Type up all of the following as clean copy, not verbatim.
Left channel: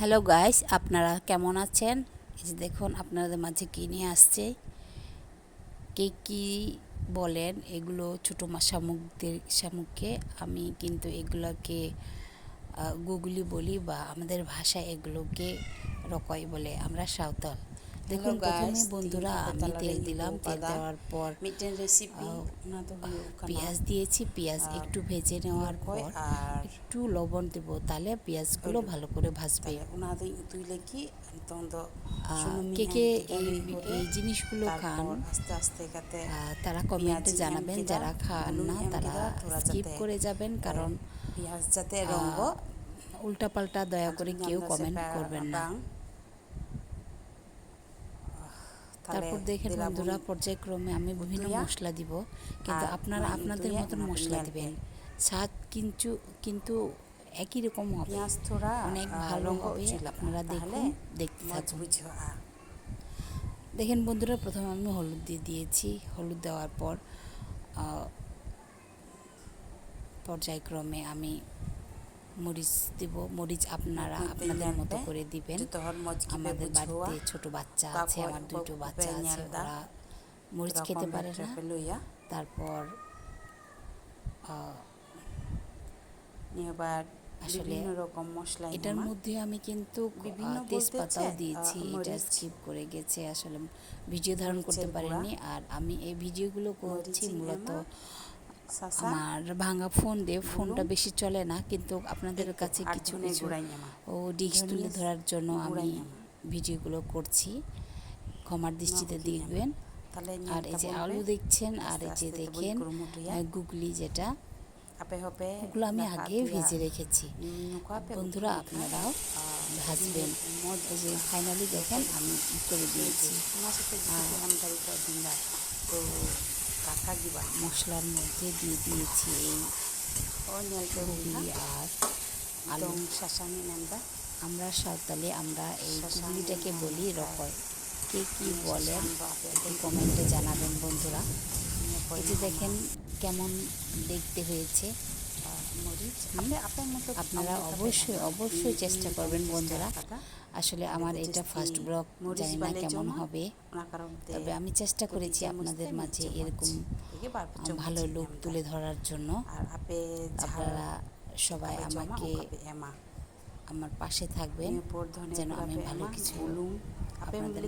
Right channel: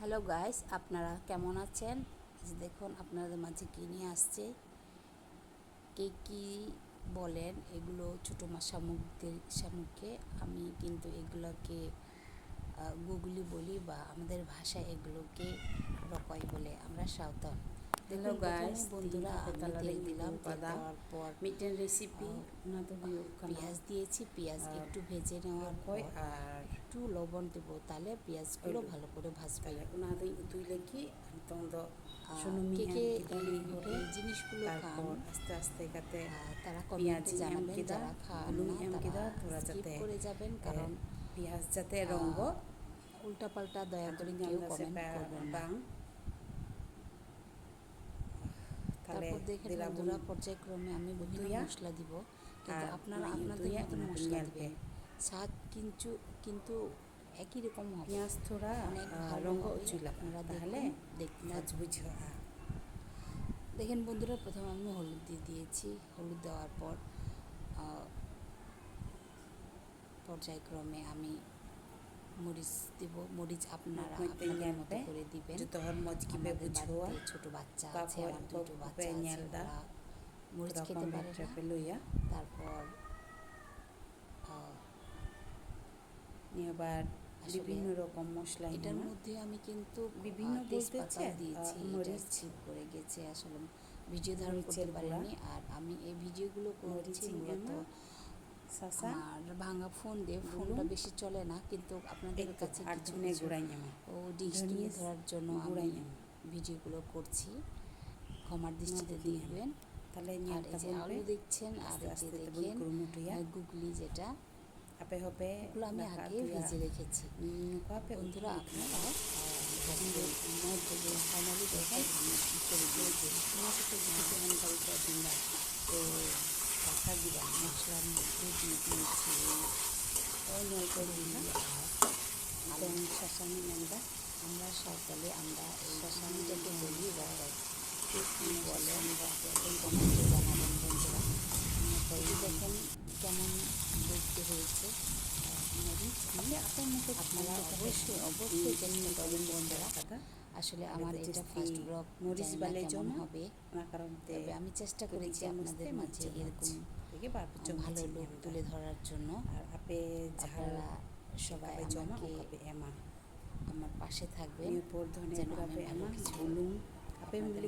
Hello guys, আপনারা কেমন আছেন? এই যে দেখুন আপনাদের মাঝে কী নিয়ে আসছে। কে কী বলেন এগুলো ছোটো শামুককে আমি কিন্তু এগুলোকে গুগলি বলি, বা আমাদের ভাষায় এগুলোকে রকয় বলে, আমরা সাঁওতাল। দেখুন প্রথমে বন্ধুরা আমি তেল দিলাম, তেল দেওয়ার পর পেঁয়াজ দিয়েছি। পেঁয়াজ একটু ভেজে নেওয়ার পর একটু লবণ দেব, তাহলে পেঁয়াজগুলো ভালো করে ভাজবে। কে কে এই জিনিসগুলো খান তারা কমেন্টে জানাবেন, যারা খান না তারা স্কিপ করে যাবেন, কারণ উল্টাপাল্টা দয়া করে কেউ কমেন্ট করবেন না। তারপর দেখেন বন্ধুরা, পর্যায়ক্রমে আমি বিভিন্ন মশলা দিব, কিন্তু আপনারা আপনাদের মতন মশলা দিবেন। স্বাদ কিন্তু একই রকম হবে, অনেক ভালো হবে। আপনারা দেখুন, দেখতে থাকুন। দেখেন বন্ধুরা, প্রথমে আমি হলুদ দিয়েছি। হলুদ দেওয়ার পর পর্যায়ক্রমে আমি মরিচ দেব। মরিচ আপনারা আপনাদের মতো করে দিবেন। আমাদের বাড়িতে ছোট বাচ্চা আছে, আমার দুটো বাচ্চা আছে, ওরা মরিচ খেতে পারে না। তারপর আসলে এটার মধ্যে আমি কিন্তু তেজপাতাও দিয়েছি, এটা স্কিপ করে গেছে, আসলে ভিডিও ধারণ করতে পারিনি। আর আমি এই ভিডিওগুলো করছি মূলত আমার ভাঙা ফোন দিয়ে, ফোনটা বেশি চলে না, কিন্তু আপনাদের কাছে কিছু কিছু ডিশ তুলে ধরার জন্য আমি ভিডিওগুলো করছি, ক্ষমার দৃষ্টিতে দেখবেন। আর এই যে আলু দেখছেন, আর এই যে দেখেন গুগলি, যেটা ওগুলো আমি আগে ভেজে রেখেছি। বন্ধুরা আপনারাও ভাজবেন। এই যে ফাইনালি দেখেন আমি করে দিয়েছি। মশলার মধ্যে দিয়ে দিয়েছি গুগলি আর আলু। আমরা সাঁওতালি, আমরা এই গুগলিটাকে বলি রকয়। কে কী বলেন কমেন্টে জানাবেন বন্ধুরা। এটি দেখেন কেমন দেখতে হয়েছে। আপনারা অবশ্যই চেষ্টা করবেন বন্ধুরা। আসলে আমার এটা ফার্স্ট ব্লগ, জানি না কেমন হবে, তবে আমি চেষ্টা করেছি আপনাদের মাঝে এরকম ভালো লুক তুলে ধরার জন্য। আপনারা সবাই আমাকে আমার পাশে থাকবেন, যেন আমি ভালো কিছু আপনাদের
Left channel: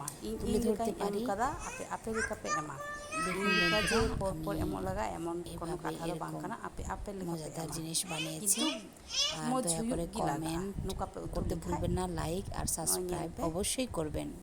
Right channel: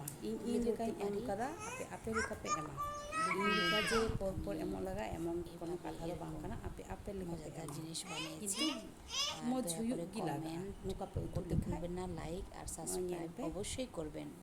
মাঝে তুলে ধরতে পারি। মজাদার জিনিস বানিয়েছি। আর দয়া করে কমেন্ট করতে ভুলবেন না, লাইক আর সাবস্ক্রাইব অবশ্যই করবেন।